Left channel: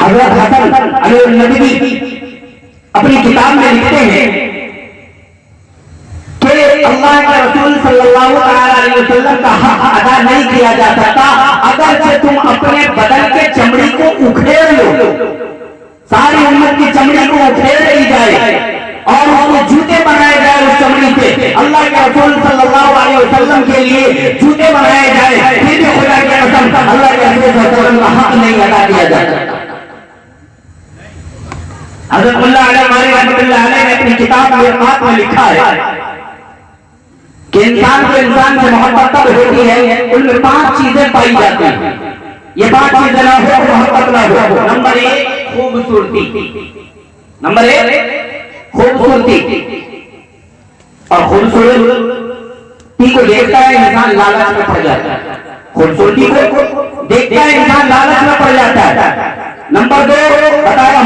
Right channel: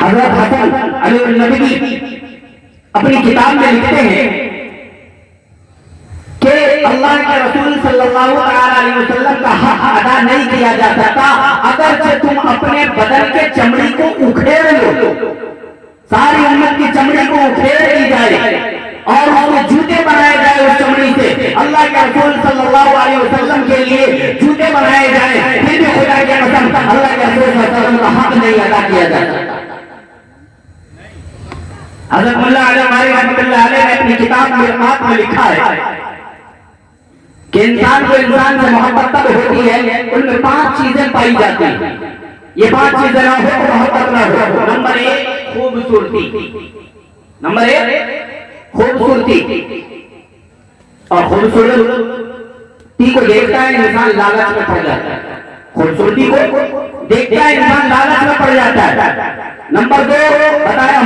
حضرت حسن علی الندوی اپنی کتاب میں لکھتے ہیں کہ اللہ کے رسول صلی اللہ علیہ وسلم کا حق ادا نہیں کیا جا سکتا اگرچہ تم اپنے بدن کے چمڑی کو اکھیڑ لو، ساری امت کی چمڑی کو اکھیڑ لی جائے اور اس کو جوتے بنائے جائے اس چمڑی سے، اللہ کے رسول صلی اللہ علیہ وسلم کے لیے جوتے بنائے جائے، پھر بھی خدا کے قسم اللہ کے رسول صلی اللہ علیہ وسلم کا حق نہیں ادا کیا جا سکتا۔ حضرت اللہ علیہ رحمۃ اللہ علیہ نے اپنی کتاب مرقات میں لکھا ہے کہ انسان کو انسان سے محبت تب ہوتی ہے ان میں 5 چیزیں پائی جاتی ہیں، یہ 5 چیزیں نہ ہو تو محبت نہ ہو۔ نمبر 1 خوبصورتی، نمبر 1 خوبصورتی، اور خوبصورتی کو دیکھتا ہے انسان لالچ میں پڑ جاتا ہے، خوبصورتی کو دیکھتا ہے انسان لالچ میں پڑ جاتا ہے۔ نمبر 2 بتایا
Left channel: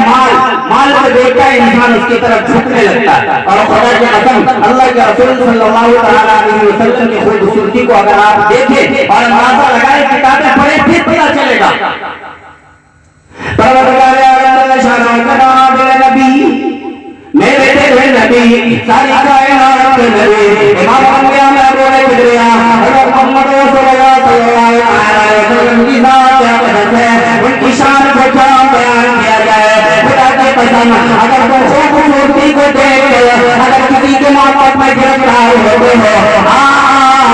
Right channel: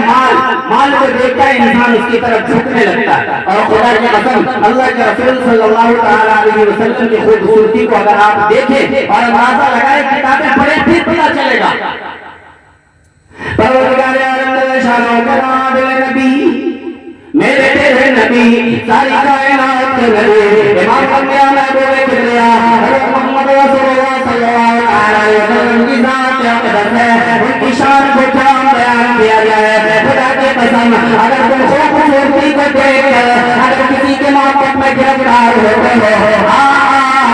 مال کو دیکھتا ہے انسان اس کی طرف جھکنے لگتا ہے، اور خدا کی قسم اللہ کے رسول صلی اللہ علیہ وسلم کی خوبصورتی کو اگر آپ دیکھیں اور اندازہ لگائیں کتابیں پڑھیں پھر پتہ چلے گا۔ پروردگار عالم شان کرام نبی میرے تیرے نبی ساری کائنات کے نبی امام انبیاء محبوب کبریا حضرت محمد رسول اللہ صلی اللہ علیہ وسلم کی ذات اقدس ہے، ان کی شان کو کیا بیان کیا جائے۔ خدا کی قسم اگر تم خوبصورتی کو دیکھ کر اگر کسی کے محبت میں گرفتار ہوتے ہو،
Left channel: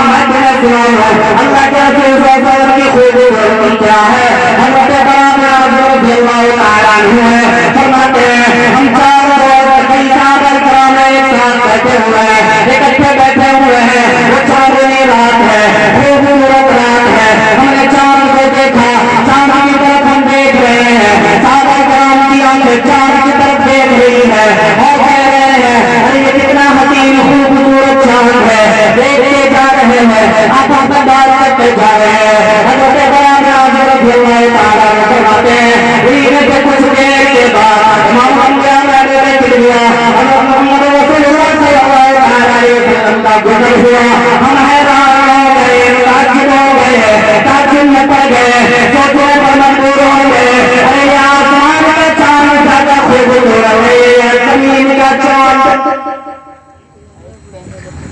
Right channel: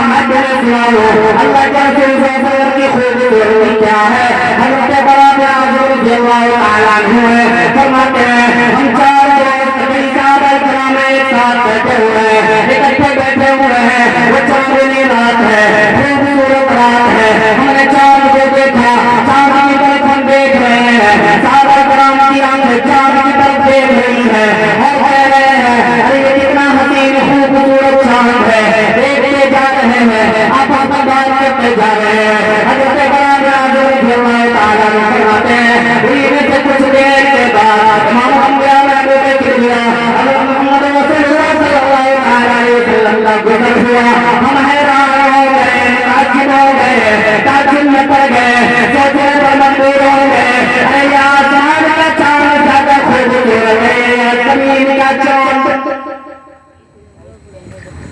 میں تمہیں سناؤں اللہ کے رسول صلی اللہ علیہ وسلم کی خوبصورتی کیا ہے۔ حضرت برابر حضور رضی اللہ تعالیٰ عنہ ہے فرماتے ہیں ہم 4 روز کئی صحابہ کرام ایک ساتھ بیٹھے ہوئے ہیں، اکٹھے بیٹھے ہوئے ہیں، وہ چاندنی رات ہے، خوبصورت رات ہے، ہم نے چاند کو دیکھا، چاند کی طرف ہم دیکھ رہے ہیں، صحابہ کرام کی آنکھیں چاند کی طرف دیکھ رہی ہے اور کہہ رہے ہیں ارے یہ کتنا حسین خوبصورت چاند ہے، دیکھتے جا رہے ہیں، آپس میں بات کرتے جا رہے ہیں۔ حضرت برابر حضور رضی اللہ تعالیٰ عنہ فرماتے ہیں ان سے کچھ دیر کے بعد امام انبیاء محبوب کبریا حضرت محمد رسول اللہ صلی اللہ علیہ وسلم کا گزر ہوا، ہم حیران ہو گئے، تعجب ہو گئے، تعجب میں پڑ گئے، سوچنے پر مجبور ہو گئے ارے یہ آسمان کا چاند زیادہ خوبصورت ہے یا زمین کا چاند۔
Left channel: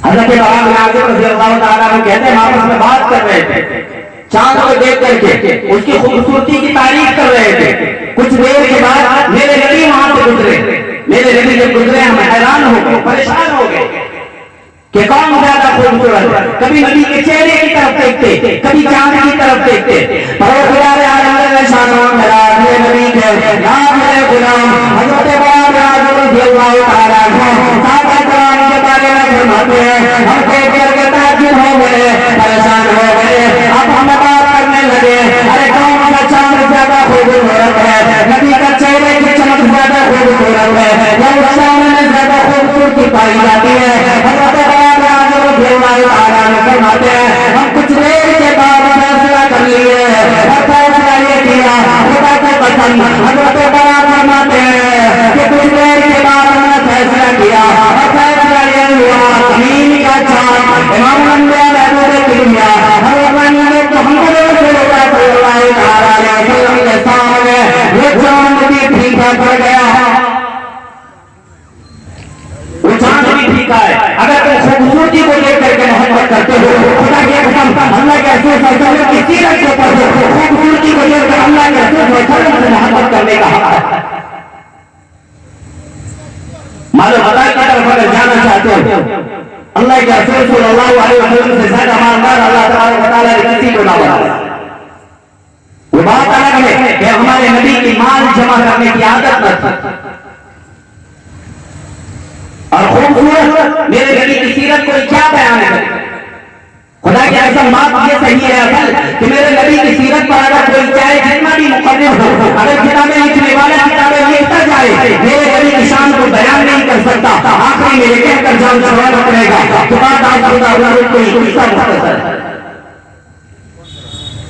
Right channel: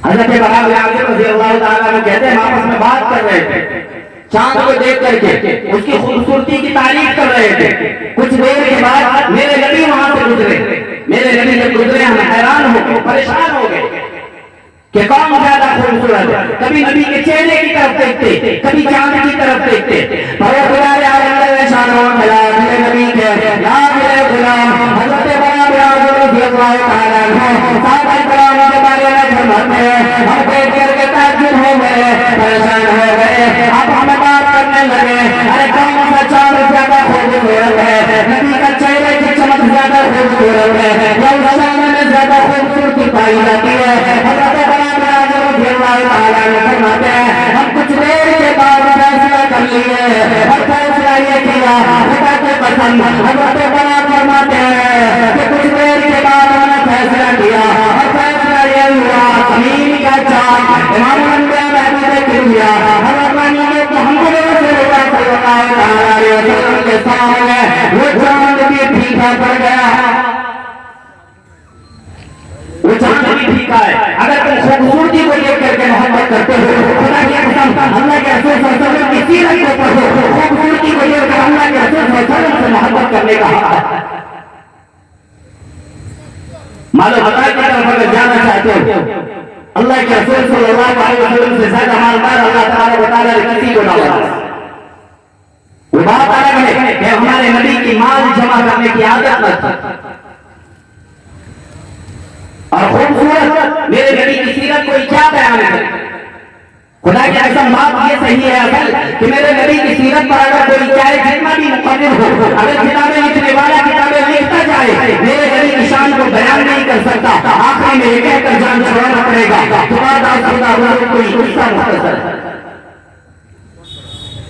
حضرت برابر حضور رضی اللہ تعالیٰ عنہ کہتے ہیں آپس میں بات کر رہے تھے، چاند کو دیکھ کر کے اس کی خوبصورتی کی تعریف کر رہے تھے۔ کچھ دیر کے بعد میرے نبی وہاں سے گزرے، میرے نبی جب گزرے ہم حیران ہو گئے، پریشان ہو گئے کہ کون زیادہ خوبصورت ہے۔ کبھی نبی کے چہرے کی طرف دیکھتے، کبھی چاند کی طرف دیکھتے۔ پروردگار عالم شان و جلال میرے نبی کے یا میرے غلام حضرت برابر رضی اللہ تعالیٰ عنہ صحابہ کرام کے بارے میں فرماتے ہیں ہم دیکھ کر کے تعجب ہو گئے، پریشان ہو گئے، اب ہمیں بات کرنے لگے ارے کون سا چاند زیادہ خوبصورت ہے، نبی کا چہرے کی چمک زیادہ خوبصورت ہے یا اس چاند میں زیادہ خوبصورتی پائی جاتی ہے۔ حضرت برابر حضور رضی اللہ تعالیٰ عنہ فرماتے ہیں ہم کچھ دیر کے بعد فیصلہ کر لیے اور فیصلہ یہ کیا خدا کے قسم حضرت برابر فرماتے ہیں کہ کچھ دیر کے بعد ہم نے فیصلہ کیا اور فیصلہ یہ ہوا زمین کا چاند امام انبیاء محبوب کبریا حضرت محمد رسول اللہ صلی اللہ علیہ وسلم کے سامنے وہ چاند بھی پھیکا پڑ گیا، وہ چاند بھی پھیکا ہے۔ اگر تم خوبصورتی کو دیکھ کر کے محبت کرتے ہو خدا کی قسم اللہ کے رسول صلی اللہ علیہ وسلم کی سیرت کو پڑھو، خوبصورتی کو دیکھ کر اللہ کے رسول صلی اللہ علیہ وسلم سے محبت کرنے کا حق ہے۔ مالو خدا کی طرف اگر جانا چاہتے ہو اللہ کے رسول صلی اللہ علیہ وسلم سے زیادہ مالدار اللہ تبارک و تعالیٰ نے کسی کو نہ بنایا۔ وہ بات الگ ہے کہ ہمارے نبی کی مال جمع کرنے کی عادت نہ تھی، اور خوبصورت میرے نبی کی سیرت کو کیا بیان ہے۔ خدا کی قسم بات یہ صحیح ہے اصل کہ میرے نبی کی سیرت پر اگر کوئی چاہے جتنا بھی مقرر ہو، اگر کتابیں لکھنے والا کتابیں لکھتا جائے میرے نبی کی شان کو بیان نہیں کر سکتا، آخری میں یہ کہہ کر جان چھڑانا پڑے گا کہ بات آپ خدا کوئی قصہ مختصر ہے،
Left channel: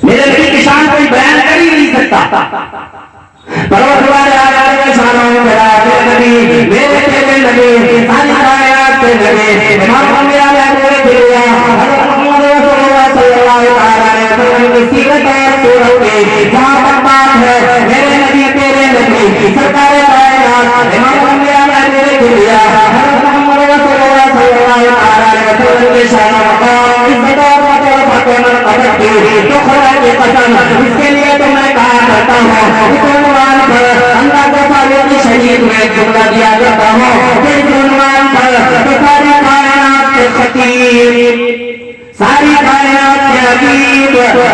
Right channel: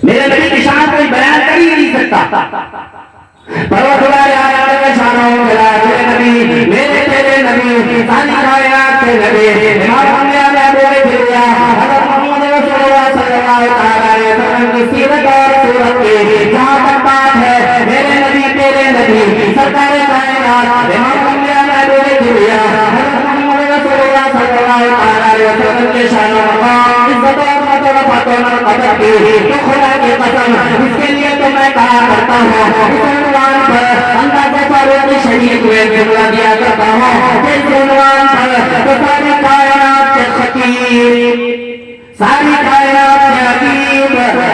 میرے نبی کی شان کوئی بیان کر ہی نہیں سکتا۔ پروردگار عالم شان و جلال میرے نبی میرے تیرے نبی ساری کائنات کے نبی امام انبیاء محبوب کبریا حضرت محمد رسول اللہ صلی اللہ علیہ وسلم کی سیرت اور صورت میں جہاں تک بات ہے میرے نبی تیرے سرکار کائنات امام الانبیاء محبوب کبریا حضرت محمد رسول اللہ صلی اللہ علیہ وسلم کے شان مقام عزت اور مطلب قدر کی تو خدا کی قسم اس کے لیے تو میں کہا کرتا ہوں اس عنوان پر اللہ کے فاروق شہید ہوئے جملہ دیا کرتا ہوں کہ اس عنوان پر تو ساری کائنات کے خطیب، ساری کائنات کے عجیب،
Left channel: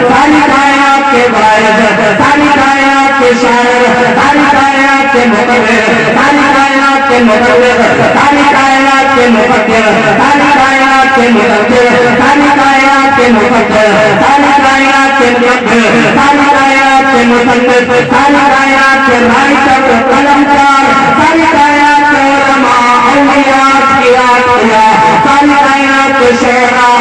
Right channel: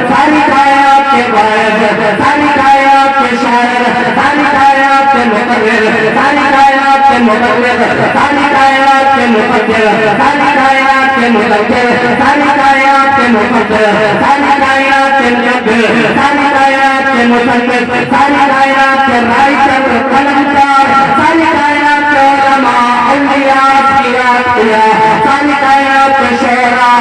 ساری کائنات کے باعث، ساری کائنات کے شاعر، ساری کائنات کے مقرر، ساری کائنات کے مبلغ، ساری کائنات کے مفکر، ساری کائنات کے مدبر، ساری کائنات کے مفکر، ساری کائنات کے مدبر، ساری کائنات کے مصنف، ساری کائنات کے رائٹر، قلمکار، ساری کائنات کے علماء، اولیاء، اتقیاء، ساری کائنات کے شعراء،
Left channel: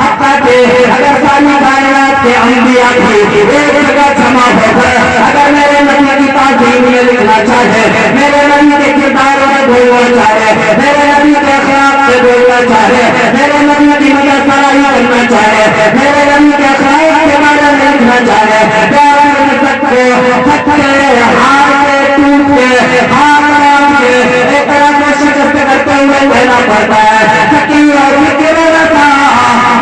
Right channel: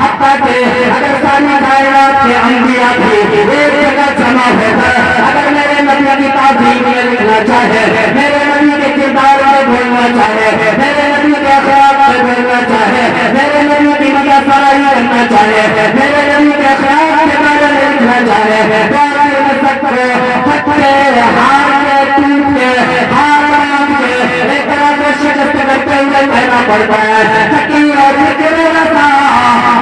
حتیٰ کہ اگر ساری کائنات کے انبیاء بھی ایک جگہ جمع ہو کر اگر میرے نبی کی تعظیم میں لکھنا چاہے، میرے نبی کے کردار میں بولنا چاہے، میرے نبی کے اخلاق میں بولنا چاہے، میرے نبی کی مدح سرائی کرنا چاہے، میرے نبی کے اخلاق کے بارے میں لکھنا چاہے، تو آپ نے سکتے پھٹے ہار کے ٹوٹے ہار رام کے ایک طرح سے شکست کرتے ہوئے کہنا پڑتا ہے سکی اور فکر رسا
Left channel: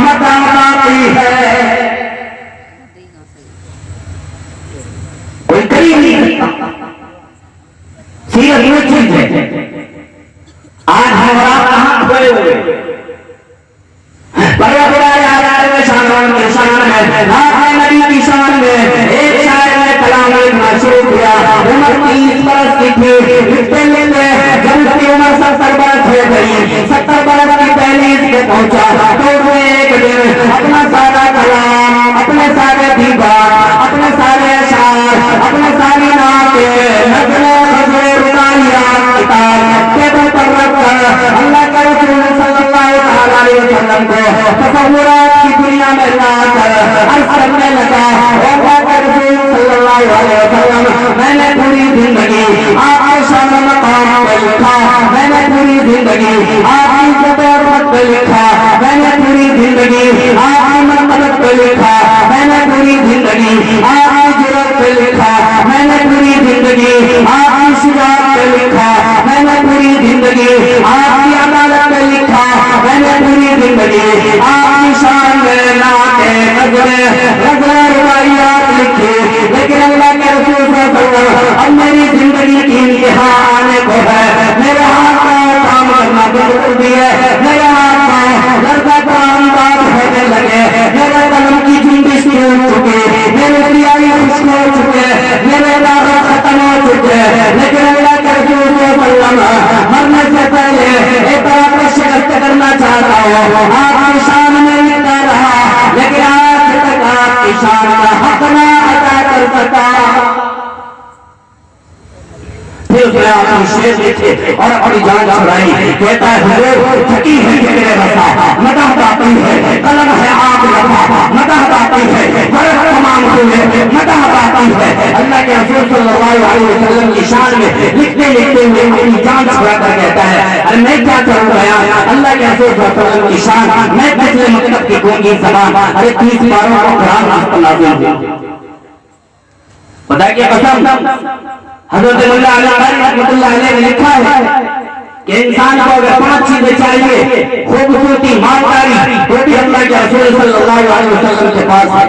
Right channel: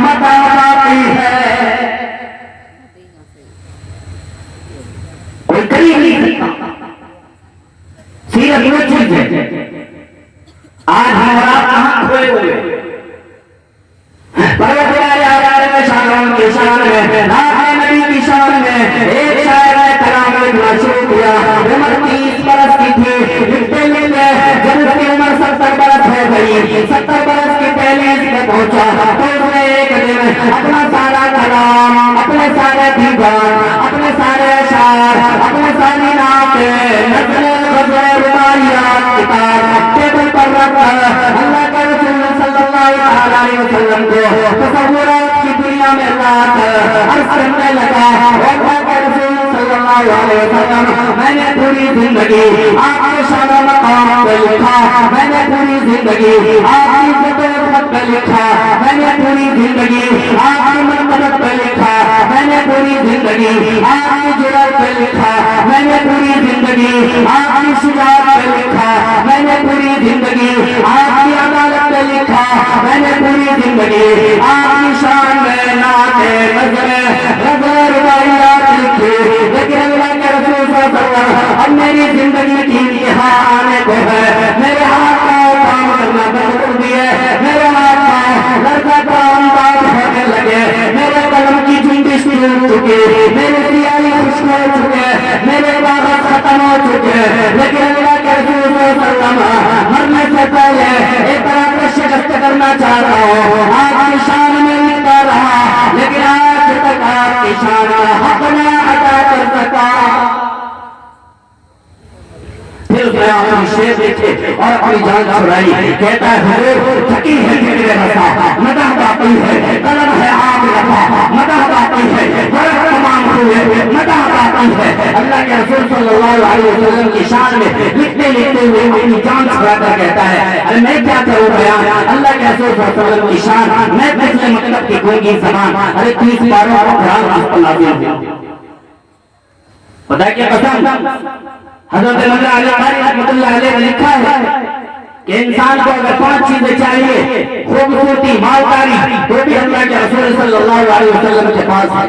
متا باقی ہے، کوئی قریب نہیں سکتا۔ سیرت یہ چیز ہے، آج ہمارا کہاں کھوئے ہوئے پروردگار عالم کے شان کے شان میں آپ نبی کی شان میں ایک شاعر نے کلام لکھنا شروع کیا، عمر 30 برس کی تھی، لکھتے لکھتے جب اس کی عمر 70 برس ہو گئی، 70 برس کی دہلیز پہ پہنچا تو اس نے ایک دن اپنا سارا کلام، اپنے سارے دیوان، اپنے سارے اشعار، اپنے ساری نعتیں، نظمیں، غزلیں، رباعیات، کتاب ٹیبل پر رکھ کر اللہ کے رسول صلی اللہ علیہ وسلم کو تصورات کی دنیا میں لا کر عرض کرنے لگا، اللہ کے رسول صلی اللہ علیہ وسلم میں نے پوری زندگی آپ کے شان و مقام پہ لکھا، میں نے پوری زندگی آپ کی عزت و حرمت پہ لکھا، میں نے پوری زندگی آپ کی مرتبت پہ لکھا، میں نے پوری زندگی آپ کی جرأت پہ لکھا، میں نے پوری زندگی آپ کی شجاعت پہ لکھا، میں نے پوری زندگی آپ کی عدالت پہ لکھا، میں نے پوری زندگی آپ کی شان میں نعتیں، نظریں، غزلیں، رباعیات لکھی، لیکن اللہ کے رسول صلی اللہ علیہ وسلم اب میری زندگی کی انتہا آنے کو ہے، میرے ہاتھ پاؤں کام کرنا بند کر دیے، میرے ہاتھ پاؤں لرزہ کا انداز ہونے لگے، میرے قلم کی جنبش ٹوٹ چکی، میرے سیاہی خشک ہو چکے، میرے کاغذ ختم ہو چکے، لیکن اللہ کے رسول صلی اللہ علیہ وسلم مرنے سے پہلے ایک طرح کا شکست کرنا چاہتا ہوں، آپ کی شان میں لکھتا رہا، لیکن آج تک آپ کی شان کا حق نہ ادا کر سکا۔ پھر اس نے آپ کی شیر لکھے اور اپنی جان چھڑائی، کہتا ہے حضور تھکی ہے میرے رسا، مدح باقی ہے، قلم ہے آپ لکھا، مدح باقی ہے، ورق تمام ہوئے، مدح باقی ہے۔ اللہ کے رسول صلی اللہ علیہ وسلم کی شان میں لکھتے لکھتے ہوئے اپنی جان چھڑا کر کہتا ہے ارے میں کیا کروں گیا، اللہ کے رسول صلی اللہ علیہ وسلم کی شان میں پچھلے مطلب کی گونگی زبان، ارے 30 باروں کو قرآن اس پر نازل ہوا، خدا کی قسم حضرت مولا علی قاری رحمۃ اللہ علیہ نے لکھا ہے کہ انسان کو اگر 5 چیزیں چاہیے، خوبصورتی، مالداری، وہ بھی اللہ کے رسول صلی اللہ علیہ وسلم کے پاس ہے۔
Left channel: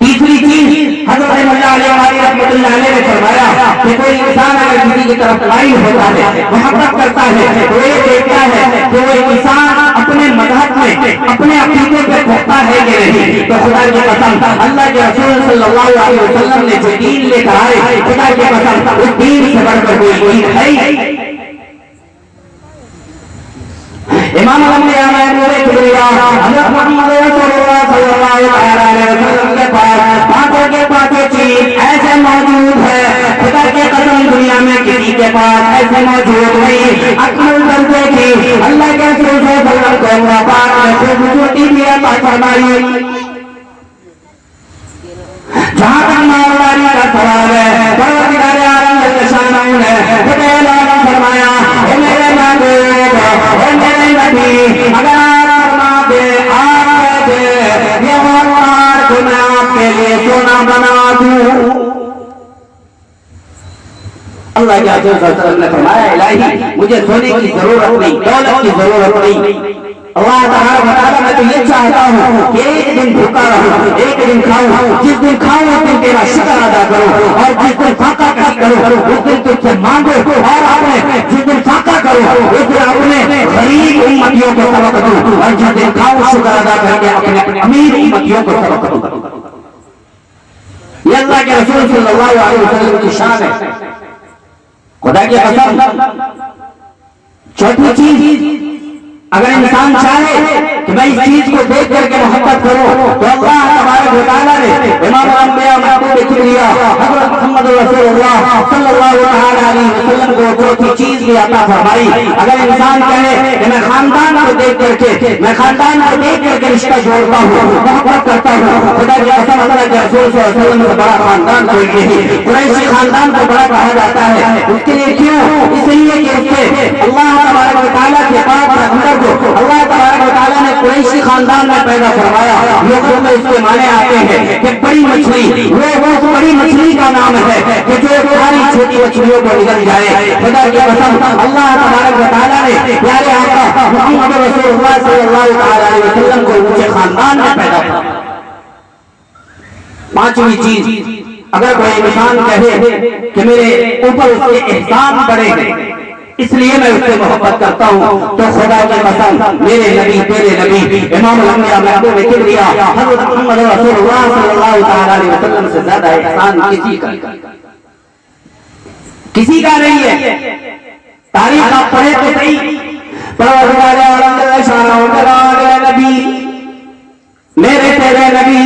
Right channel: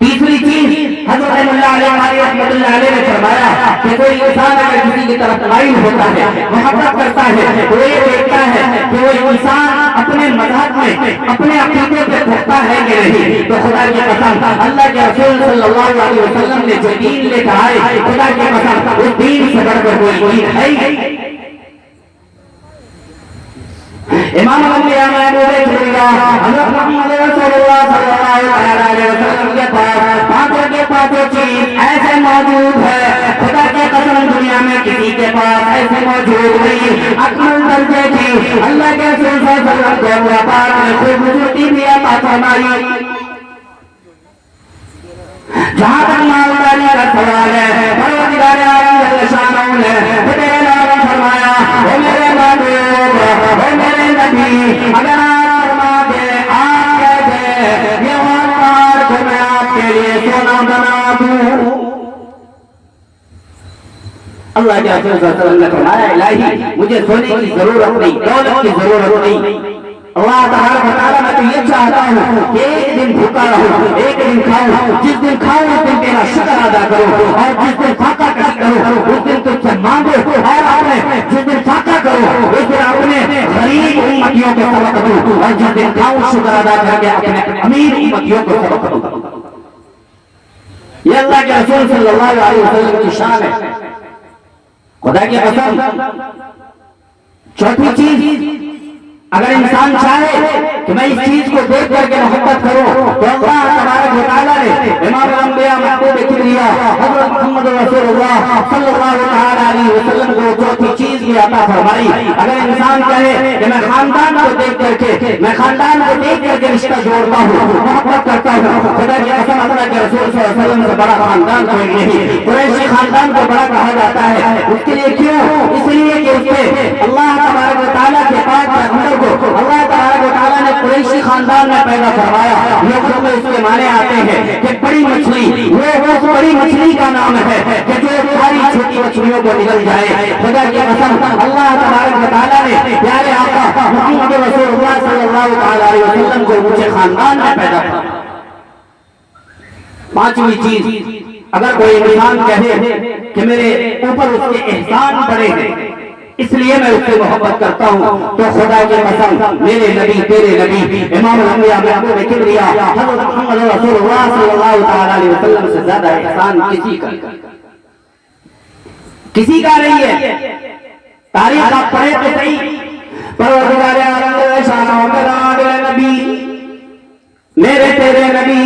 تیسری چیز حضرت مولا علی قاری رحمۃ اللہ علیہ نے فرمایا کہ کوئی انسان اگر کسی کی طرف مائل ہوتا ہے، محبت کرتا ہے، تو یہ دیکھتا ہے کہ وہ انسان اپنے مذہب میں اپنے عقیدے پہ پختہ ہے کہ نہیں۔ تو خدا کی قسم اللہ کے رسول صلی اللہ علیہ وسلم نے جو دین لے کر آئے، خدا کی قسم اس دین سے بڑھ کر کوئی دین ہے ہی۔ امام الانبیاء محبوب کبریا حضرت محمد رسول اللہ صلی اللہ علیہ وسلم کے پاس پانچوں کے پانچوں چیز ایسے موجود ہے، خدا کی قسم دنیا میں کسی کے پاس ایسے موجود نہیں۔ اکمل درجے کی اللہ کے رسول صلی اللہ علیہ وسلم کو پاک نے خوبصورتی بھی عطا فرمائی۔ جہاں تک مالداری کا سوال ہے، پروردگار عالم جل شانہ نے خود اعلان فرمایا، اے میرے محبوب، اے میرے نبی، اگر آپ فرما دے، آپ کہہ دے، یہ غار کو میں آپ کے لیے سونا بنا دوں، اللہ کے رسول صلی اللہ علیہ وسلم نے فرمایا الہی مجھے سونے کی ضرورت نہیں، دولت کی ضرورت نہیں، اللہ تعالیٰ میں تو یہ چاہتا ہوں کہ ایک دن بھوکا رہوں، ایک دن کھاؤں، جس دن کھاؤں اس دن تیرا شکر ادا کروں، اور جس دن فاقہ کروں اس دن تجھ سے مانگو، اور اپنے جس دن فاقہ کروں اس دن اپنے غریب امتیوں کو سبق دوں، اور جس دن کھاؤں شکر ادا کر کے اپنے امیر امتیوں کو سبق دوں۔ یہ اللہ کے رسول صلی اللہ علیہ وسلم کی شان ہے۔ خدا کی قسم چوتھی چیز، اگر انسان چاہے کہ میں اس چیز کو دیکھ کر کے محبت کروں تو اللہ تبارک و تعالیٰ نے امام الانبیاء محبوب کبریا حضرت محمد رسول اللہ صلی اللہ علیہ وسلم کو چوتھی چیز بھی عطا فرمائی۔ اگر انسان کہے کہ میں خاندان کو دیکھ کر کے رشتہ جوڑتا ہوں، محبت کرتا ہوں، خدا کی قسم اللہ کے رسول صلی اللہ علیہ وسلم سے بڑا خاندان کوئی نہیں۔ قریشی خاندان کو بڑا کہا جاتا ہے، اس کے لیے کیوں؟ اس لیے کہ اس سے اللہ تبارک و تعالیٰ کے پاک رکھنے کو اللہ تبارک و تعالیٰ نے قریشی خاندان میں پیدا کروایا۔ لوگوں میں اس کے معنی آتے ہیں کہ بڑی مچھلی، وہ بڑی مچھلی کا نام ہے کہ جو ساری چھوٹی مچھلیوں کو نگل جائے۔ خدا کی قسم اللہ تبارک و تعالیٰ نے پیارے آقا محمد رسول اللہ صلی اللہ علیہ وسلم کو اونچے خاندان میں پیدا کیا۔ پانچویں چیز، اگر کوئی انسان کہے کہ میرے اوپر اس کے احسان بڑے ہیں اس لیے میں اس سے محبت کرتا ہوں، تو خدا کی قسم میرے نبی تیرے نبی امام الانبیاء محبوب کبریا حضرت محمد رسول اللہ صلی اللہ علیہ وسلم سے زیادہ احسان کسی کا نہیں ہے۔ تاریخ آپ پڑھے تو صحیح، پروردگار عالم شان و کلام نبی میرے تیرے نبی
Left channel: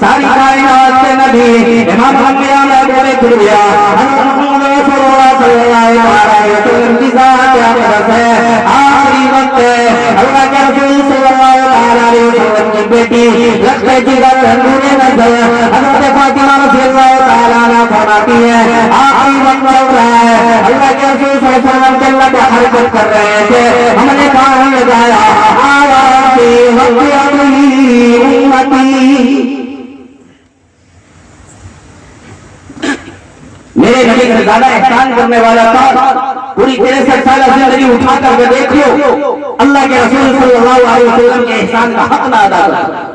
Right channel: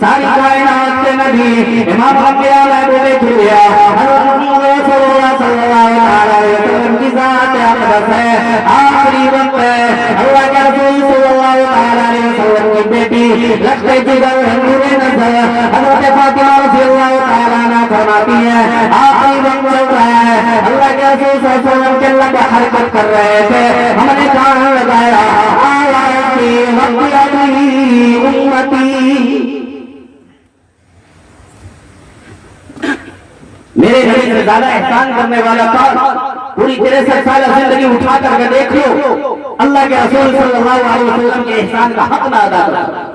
ساری کائنات کے نبی امام الانبیاء محبوب کبریا حضرت محمد رسول اللہ صلی اللہ علیہ وسلم کی ذات اقدس ہے، آخری وقت ہے۔ اللہ کے رسول صلی اللہ علیہ وسلم کی بیٹی لخت جگر نور نظر حضرت فاطمہ رضی اللہ تعالیٰ عنہا فرماتی ہے آخری وقت چل رہا ہے، اللہ کے رسول صلی اللہ علیہ وسلم جنت میں حرکت کر رہے تھے، ہم نے کہاں لگایا آواتی وقتی امتی، میرے نبی سے زیادہ احسان کرنے والا تھا۔ پوری 63 سالہ زندگی اٹھا کر کے دیکھ لو، اللہ کے رسول صلی اللہ علیہ وسلم کے احسان کا حق نہ ادا کرتا۔